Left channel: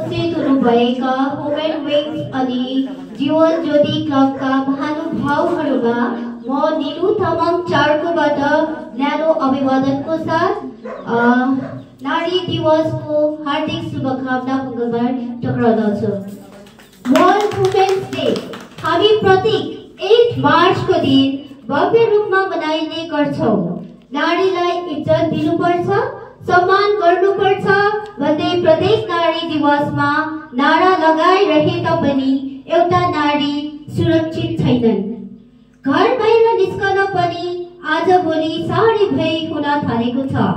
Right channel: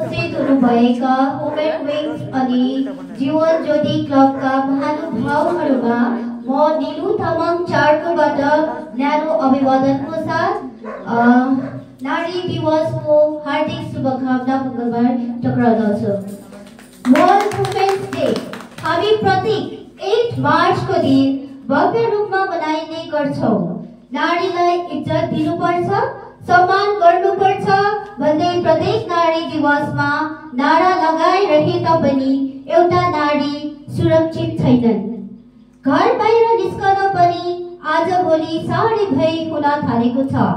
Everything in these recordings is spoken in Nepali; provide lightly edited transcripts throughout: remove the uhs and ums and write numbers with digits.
उपस्थित हुनुभएका वुमेन विङ्स अनि जीवन ज्योति क्लबका महानुभावहरूमा म निलु तामाङ चार्कोबाट न्यानो अभिवादनको साथ नारी दिवसको हार्दिक शुभकामना मङ्गलबार टक्राउँदछु। वर्ल्ड वुमेन्स डे हामी प्रत्येक 8 मार्चको दिन भव्य रूपमा मनाइने गर्छौं। नारीलाई इज्जत दिनुपर्छ, सम्मान गर्नुपर्छ भन्दै प्रत्येक नारी दिवसमा नारा लगाइरहे तापनि एउटा नारी सुरक्षित छैनन्। घर बाहिर निस्कन पनि आजभोलि साह्रै भय हुन थालेको छ।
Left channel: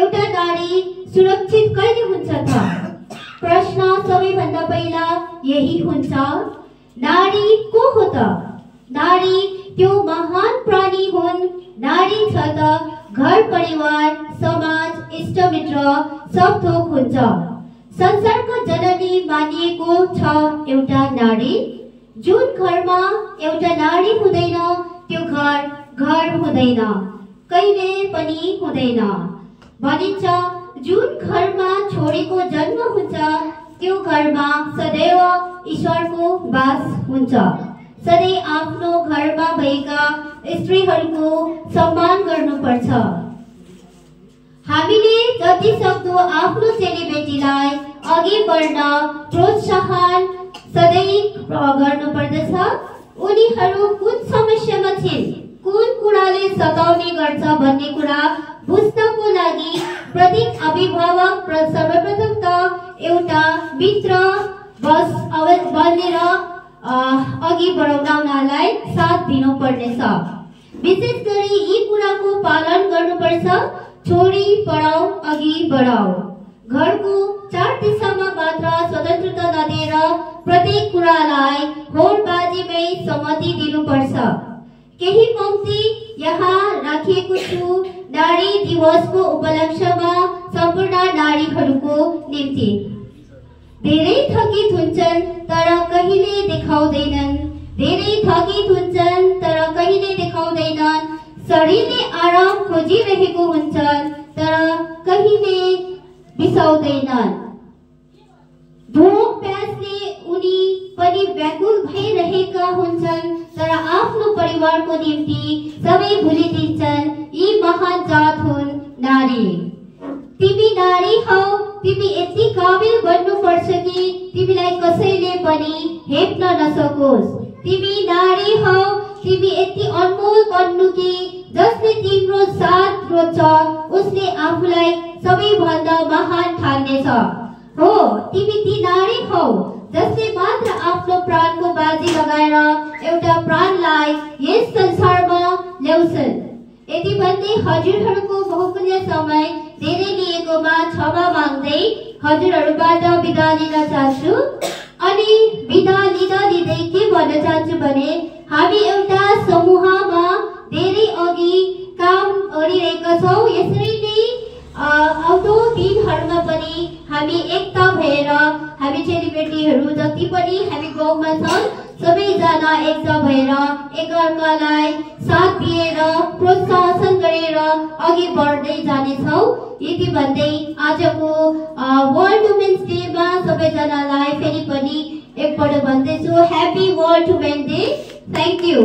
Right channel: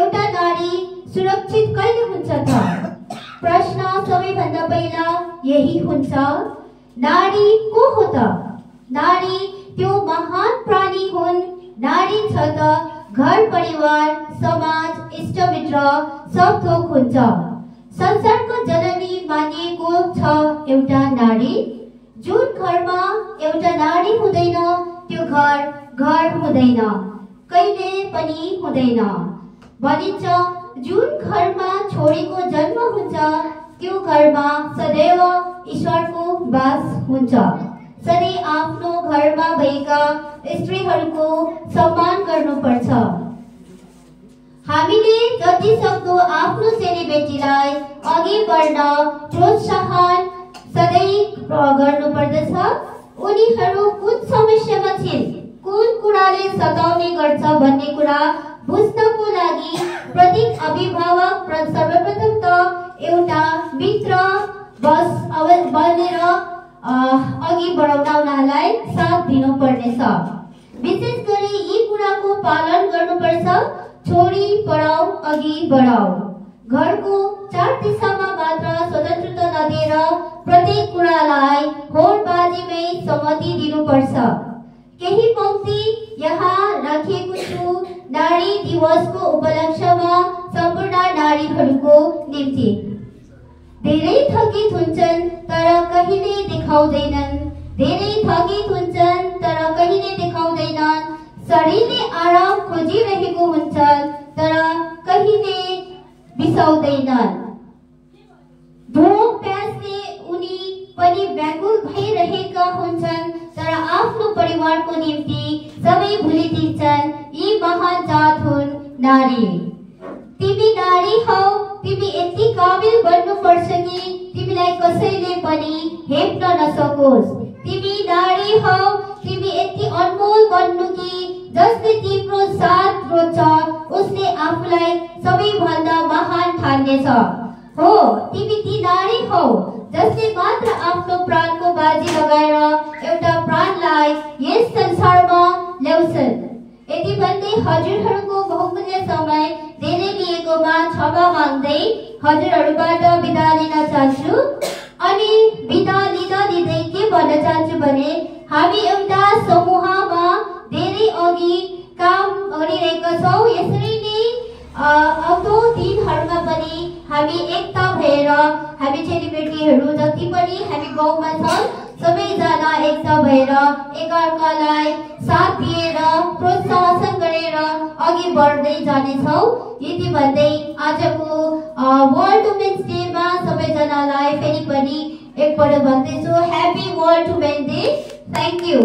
एउटा नारी सुरक्षित कहिले हुन्छ त? प्रश्न सबैभन्दा पहिला यही हुन्छ, नारी को हो त? नारी त्यो महान प्राणी हुन्। नारी छ त घर परिवार समाज इष्टमित्र सब थोक हुन्छ। संसारको जननी मानिएको छ एउटा नारी। जुन घरमा एउटा नारी हुँदैन त्यो घर हुँदैन, कहिले पनि हुँदैन। भनिन्छ जुन घरमा छोरीको जन्म हुन्छ त्यो घरमा सदैव ईश्वरको वास हुन्छ। सधैँ आफ्नो घरमा भएका स्त्रीहरूको सम्मान गर्नुपर्छ। हामीले जति सक्दो आफ्नो चेलीबेटीलाई अघि बढ्न प्रोत्साहन सधैँ गर्नुपर्दछ। उनीहरू कुन समस्यामा छिन्, कुन कुराले सताउने गर्छ भन्ने कुरा बुझ्नको लागि प्रत्येक अभिभावक सर्वप्रथम त एउटा मित्र बनेर अघि बढाउन उनीहरूलाई साथ दिनुपर्नेछ। विशेष गरी यी कुराको पालन गर्नुपर्छ। छोरी पढाऊ अघि बढाऊ। घरको 4 दिशामा मात्र स्वतन्त्रता नदिएर प्रत्येक कुरालाई होडबाजीमै सम्मति दिनुपर्छ। केही पंक्ति यहाँ राखिएको छु नारी दिवसको उपलक्ष्यमा सम्पूर्ण नारीहरूको निम्ति। धेरै थकित हुन्छन् तर कहिले देखाउँदैनन्। धेरै थकित हुन्छन् तर कहिले देखाउँदैनन्। शरीरले आराम खोजिरहेको हुन्छन् तर कहिले बिसाउँदैनन्। भोक प्यासले उनी पनि व्याकुल भइरहेका हुन्छन् तर आफ्नो परिवारको निम्ति सबै भुलिदिन्छन्। यी महान जात हुन् नारी। तिमी नारी हौ, तिमी यति काबिल बन्नुपर्छ कि तिमीलाई कसैले पनि हेप्न नसकोस्। तिमी नारी हौ, तिमी यति अनमोल बन्नु कि जसले तिम्रो साथ रोज्छ उसले आफूलाई सबैभन्दा महान ठान्नेछ। हो, तिमी ती नारी हौ जसले मात्र आफ्नो प्राणको बाजी लगाएर एउटा प्राणलाई यस संसारमा ल्याउँछन्। यति भन्दै हजुरहरूको बहुमूल्य समय धेरै लिएकोमा क्षमा माग्दै हजुरहरूबाट बिदा लिन चाहन्छु। अनि बिदा लिँदै के भन्न चाहन्छु भने हामी एउटा समूहमा धेरै अघि काम गरिरहेका छौँ। यसरी नै आउँदो दिनहरूमा पनि हामी एकता भएर हामी चेलीबेटीहरू जति पनि हामी गाउँमा छन् सबैजना एकता भएर एकअर्कालाई साथ दिएर प्रोत्साहन गरेर अघि बढ्दै जानेछौँ। यति भन्दै आजको वर्ल्ड वुमेन्स डेमा सबैजनालाई फेरि पनि एकपल्ट भन्दैछु happy world women day. Thank you.